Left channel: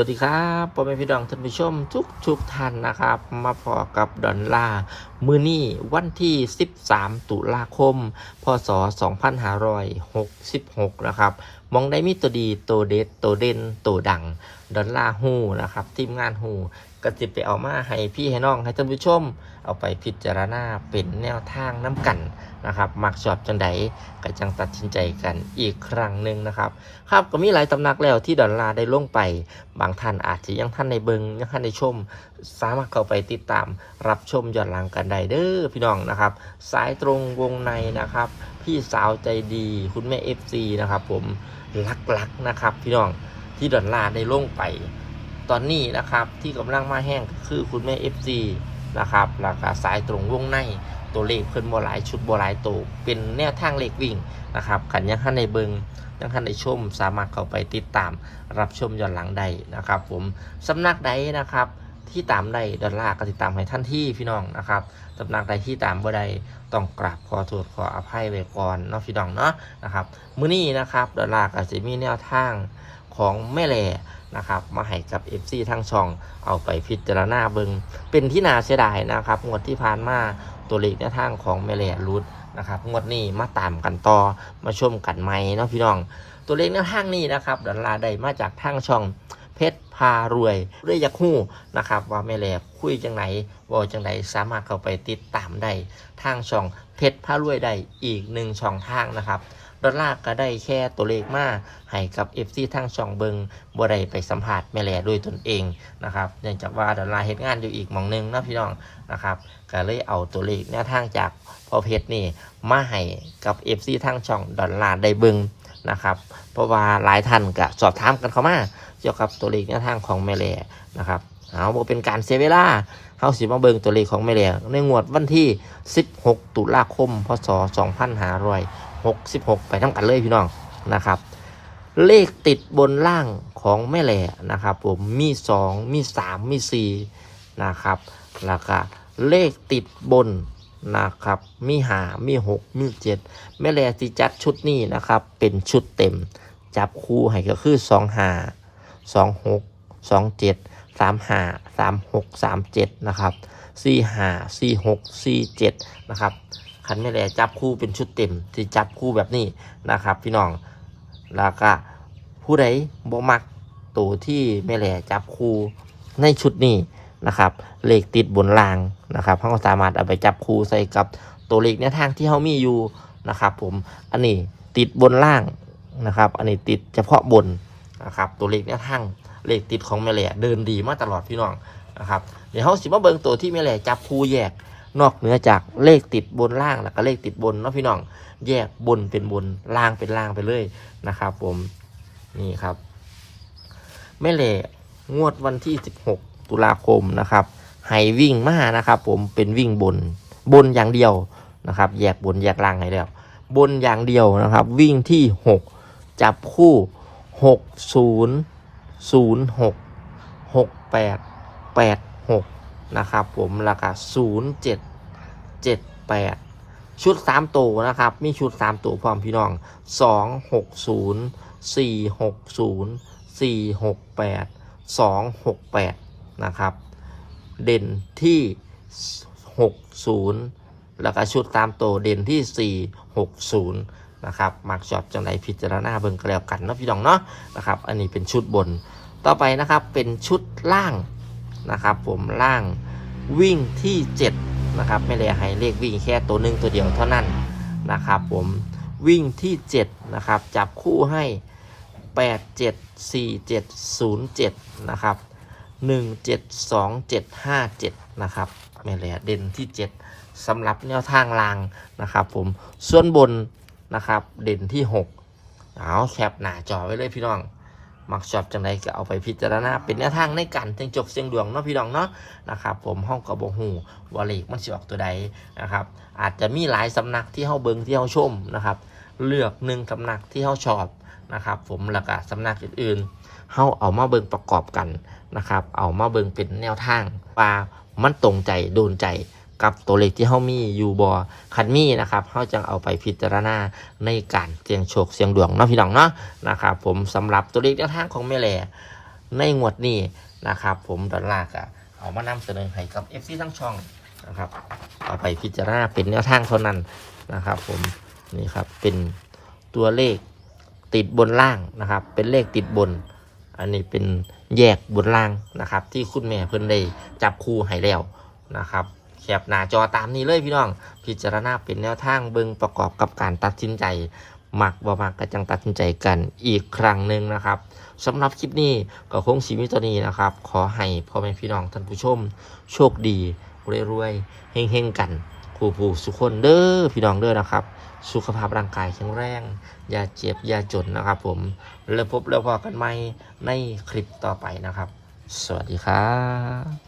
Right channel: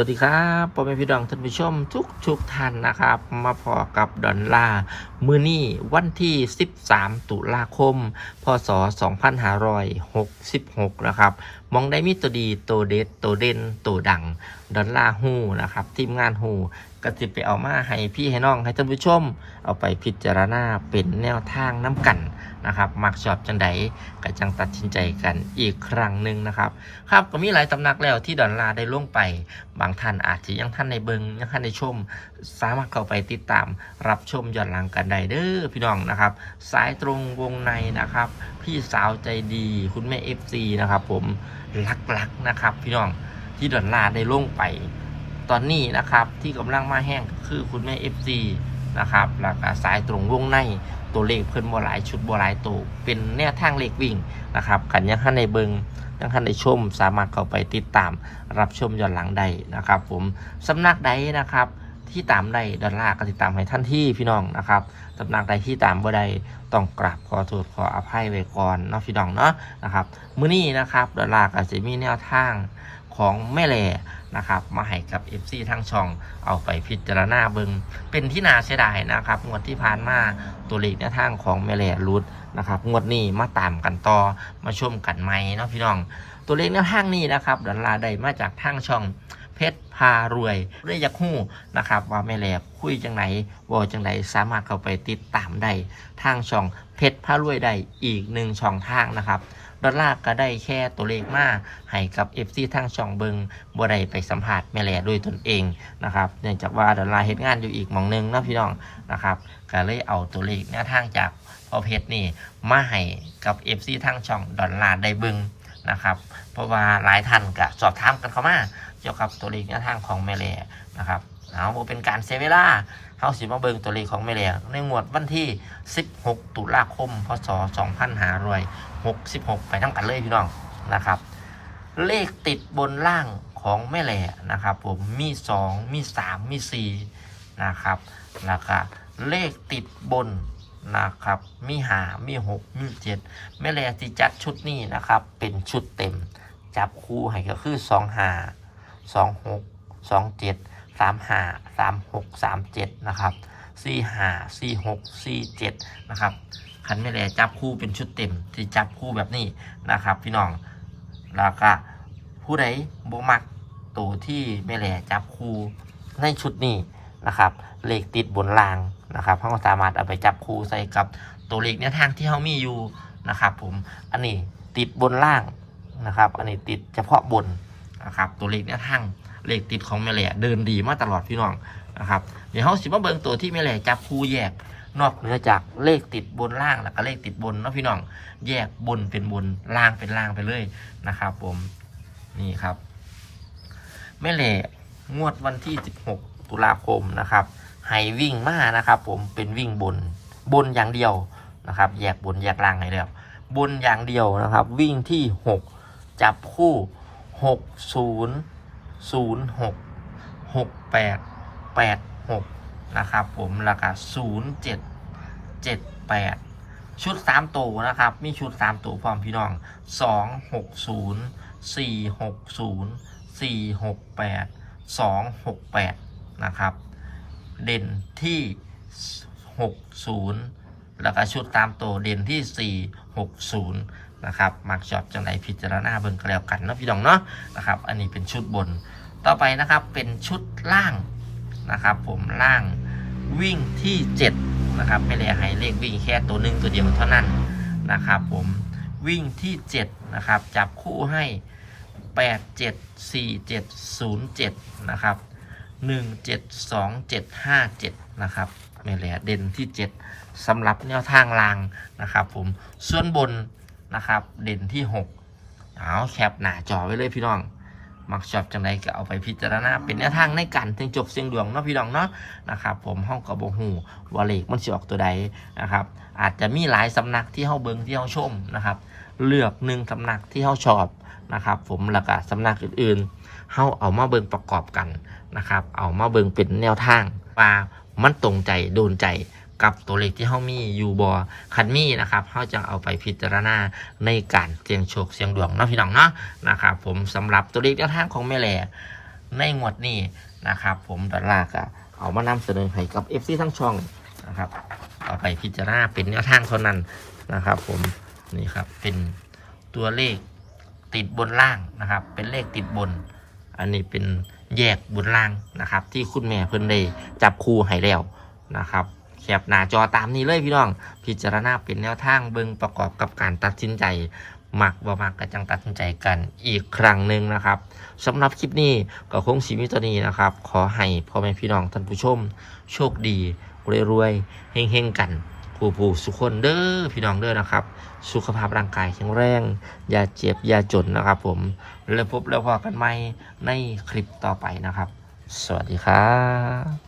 วัสดีครับพ่อแม่พี่น้องท่านผู้ชมทุกทุกๆท่านนะครับ มาพอกับดอนล่ามือนี่วันที่ 13 ตุลาคม พศ 2566 นะครับ มองได้มีตัวดีตัวเด็ดตัวเด่นตัวดัง ดอนลาฮูนะครับ ทีมงานฮูก็จะไปเอามาให้พี่ให้น้องให้ท่านผู้ชม เอาไปพิจารณาเป็นแนวทางน้ำกัน นะครับมักชอบจังใดก็จังตัดสินใจกันอีกครั้งหนึ่งนะครับ ครับก็มีหลายตำนักแล้วที่ดอนลาได้ลงไป บางท่านอาจจะยังท่านในเบิงยังท่านในชม สามารถเข้าไปติดตามรับชมย้อนหลังกันได้เด้อพี่น้องนะครับ สายตรงวงในนะครับ พี่สาวใจดีคุณแม่เอฟซีนะครับผมรักๆนะครับ พี่น้องที่ดอนลาได้ลงไป ตอนนี้นะครับที่กำลังมาแห้งคือคุณแม่เอฟซี นะครับแล้วก็สายตรงวงในตัวเลขเพิ่นบ่หลายชุดบ่หลายตัวเป็นแนวทางเลขวิ่งนะครับกันยังท่านในเบิงยังท่านได้ชม สามารถเข้าไปติดตามรับชมย้อนหลังได้นะครับ ผมสำนักใดนะครับที่ตามได้ดอลลาร์ก็ติดตามให้ท่านที่พี่น้องนะครับสำนักใดที่ตามบ่ได้ต้องกราบขอโทษขออภัยไว้ก่อนเนาะพี่น้องเนาะนะครับมื้อนี้นะครับดอลลาร์ก็จะมีแนวทางของแม่แหล่ นะครับมาให้กับ FC ทั้งช่องเอาไปพิจารณาเบิงเป็นที่น่าเสียดายนะครับงวดที่ผ่านมาตัวเลขแนวทางของแม่แหล่รุดนะครับงวดนี้มาตามกันต่อมาชมกันไหมเนาะพี่น้อง ตัวเลขแนวทางนี้นะครับดอลลาได้มาจากทางช่องเพชรพารวยเรื่อยกหู้นะครับ ว่าแม่แหลกคุยจังไหนวอจังไหนสามารถเข้าไปติดตามได้ทางช่องเพชรพารวยได้อีกหนึ่งช่องทางนะครับ ดอลลาร์ก็ได้แค่ตัวเลขมาให้กับเอฟซีทางช่องเบิงบ่ได้ไปสัมผัสแม่แหลด้วยตนเองนะครับเนื่องจากว่าดอลลาร์เฮ็ดงานอยู่อีกมองหนึงนะพี่น้องนะครับก็เลยเอาตัวเลขแนวทางจากพอเพชรนี่มาให้กับเอฟซีทางช่องดอลลาร์ได้เบิงนะครับเพราะว่าหลายท่านก็สอบถามกันเข้ามาเกี่ยวกับตัวเลขแนวทางของแม่แหล่นะครับ เอาบ่เป็นการเสียเวลาเข้าสิมาเบิงตัวเลขของแม่แหล่ในงวดวันที่ 16 ตุลาคม พศ 2566 ไปทั้งกันเลยพี่น้องนะครับ เลขติดบนล่างของแม่แหล่นะครับผมมี 2 มี 3 มี 4 นะครับแล้วก็เลขติดบนนะครับ มีหามีหกมีเจ็ดแม่แลที่จัดชุดนี้นะครับ เป็นชุดเต็ม จับคู่ให้ก็คือสองหาสองหกสองเจ็ด สามหาสามหกสามเจ็ดนะครับสี่หาสี่หกสี่เจ็ดนะครับคันแม่แลจับคู่เป็นชุดเต็มที่จับคู่แบบนี้นะครับ พี่น้องแล้วก็ผู้ใดบ่มักตัวที่แม่แลจับคู่ในชุดนี้นะครับเลขติดบนรางนะครับเขาสามารถเอาไปจับคู่ใส่กับตัวเลขแนทางที่เขามีอยู่นะครับ ผมอันนี้ติดบนล่างนะครับ อันนี้ติดเฉพาะบนนะครับ ตัวเลขเนี่ยทั้ง เลขติดของแม่แหล่เดินดีมาตลอดพี่น้องนะครับเดี๋ยวเขาสิมาเบิ่งตัวที่แม่แหล่จับคู่แยกนอกเหนือจากเลขติดบนล่างแล้วก็เลขติดบนเนาะพี่น้อง แยกบนเป็นบนล่างเป็นล่างไปเลยนะครับ ผมนี่ครับแม่แหล่งวดวันที่ 16 ตุลาคมนะครับให้วิ่งมานะครับ ผมเป็นวิ่งบนบนอย่างเดียวนะครับ แยกบนแยกล่างให้แล้ว บนอย่างเดียวนะครับ วิ่งที่ 6 จับคู่ 6 0 0 6 6 8 8 6นะครับผมแล้วก็0 7 7 8ชุด3ตัวนะครับ มีชุด3ตัวพร้อมพี่น้อง2 6 0 4 6 0 4 6 8 2 6 8นะครับ เด่นที่60แล้วก็ชุดตามตัวเด่นที่460น นะครับมักช็อตจังไรพิจารณาเบิ่งก็แล้วกันเนาะพี่น้องเนาะนะครับ อันนี้เป็นชุดบน ต่อไปนะครับเป็นชุดล่างนะครับผมล่างวิ่งที่ 7 นะครับ ไม่ได้ให้เลขวิ่งแค่ตัวหนึ่งตัวเดียวเท่านั้นนะครับ ผมวิ่งที่ 7 นะครับ จับคู่ให้ 8 7 4 7 0 7 นะครับ 1 7 2 7 5 7 นะครับแม่แหล่เด่นที่ 7สำหรับแนวทางรางนะครับ ผมส่วนบน นะครับ เด่นที่ 6 เอาแคปหน้าจอไว้เลยพี่น้อง มักชอบจังไรก็เอาไปพิจารณา เป็นแนวทางในการเสียงจบเสียงดวงเนาะพี่น้องเนาะนะครับผมห้องกับบหูวอลเลกมันสิออกตัวใดนะครับ อาจจะมีหลายสำนักที่เฮาเบิงที่เฮาชมนะครับ เลือกหนึ่งสำนักที่เฮาชอบนะครับ ผมแล้วก็สำนักอื่นๆเฮาเอามาเบิงประกอบกันนะครับ เอามาเบิงเป็นแนวทางว่ามันตรงใจโดนใจ กับตัวเลขที่เฮามีอยู่บอคันมีนะครับเฮาจะเอาไปพิจารณาในการเสี่ยงโชคเสี่ยงดวงเนาะพี่น้องเนาะนะครับผมสำหรับตัวเลขแนวทางของแม่แหล่ในงวดนี้นะครับผมดอลาร์ก็เอามานำเสนอให้กับ FC ทั้งช่องนะครับเอาไปพิจารณาเป็นแนวทางเท่านั้นนะครับ ผมนี่ครับเป็นตัวเลขติดบนล่างนะครับ เป็นเลขติดบน อันนี้เป็นแยกบนล่างนะครับ ที่คุณแม่เพิ่นได้จับคู่ให้แล้วนะครับ แคปหน้าจอตามนี้เลยพี่น้อง พิจารณาเป็นแนวทางเบิ่งประกอบกับการตัดสินใจมักบ่มักก็จังตัดสินใจกันอีกครั้งหนึ่งนะครับสำหรับคลิปนี้ก็คงสีมิตัวนี้นะครับ ขอให้พ่อแม่พี่น้องท่านผู้ชม โชคดีรวยๆเฮงๆกันผู้ผู้สุขคนเด้อพี่น้องเด้อนะครับ สุขภาพร่างกายแข็งแรง อย่าเจ็บ อย่าจนนะครับผม แล้วพบแล้วพอกันใหม่ในคลิปต่อไปนะครับ สวัสดีครับ